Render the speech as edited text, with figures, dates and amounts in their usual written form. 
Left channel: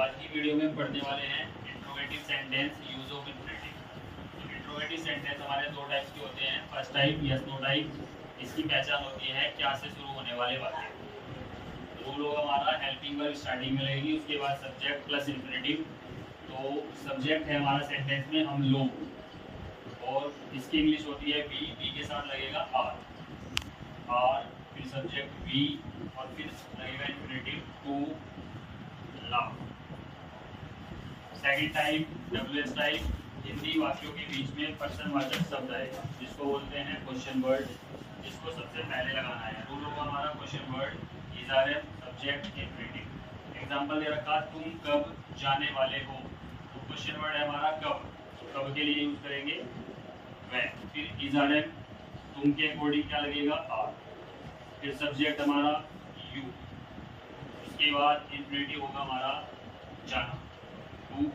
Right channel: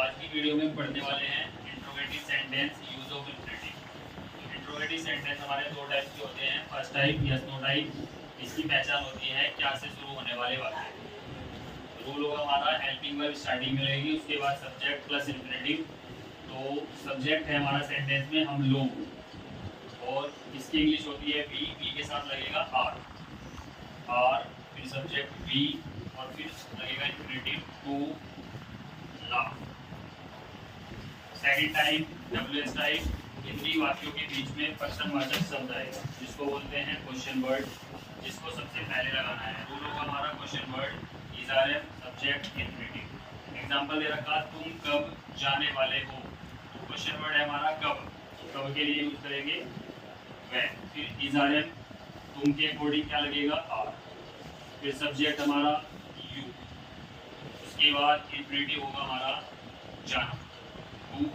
आज की वीडियो में पढ़ने वाले हैं interrogative sentence use of infinitive. Interrogative sentence हमारे दो टाइप के होते हैं। First type yes no type. इसकी पहचान होती है क्या से शुरू होने वाले वाक्य। रूल होगा हमारा हेल्पिंग वर्ब स्टार्टिंग में रहेगी, उसके बाद सब्जेक्ट प्लस इंफिनिटिव। तो सब्जेक्ट है हमारा सेंटेंस में हम लोग, और इसकी इंग्लिश होती है बी। बी के साथ लगेगा आर, फिर सब्जेक्ट बी और फिर लगेगा infinitive to love. Second type WS type, Hindi वाक्यों के बीच में प्रश्नवाचक शब्द आएगा जिसको बोलते हैं क्वेश्चन वर्ड, जिसको सबसे पहले लगाना है। रूल होगा हमारा क्वेश्चन वर्ड इजआरएफ सब्जेक्ट इंफिनिटिव। एग्जांपल दे रखा तुम कब जाने वाले हो, तो क्वेश्चन वर्ड है हमारा कब। कब के लिए यूज करेंगे व्हेन। फिर इजआरएफ तुम के अकॉर्डिंग क्या लगेगा आर, फिर सब्जेक्ट हमारा यू, उसके बाद इंफिनिटिव होगा हमारा जाना टू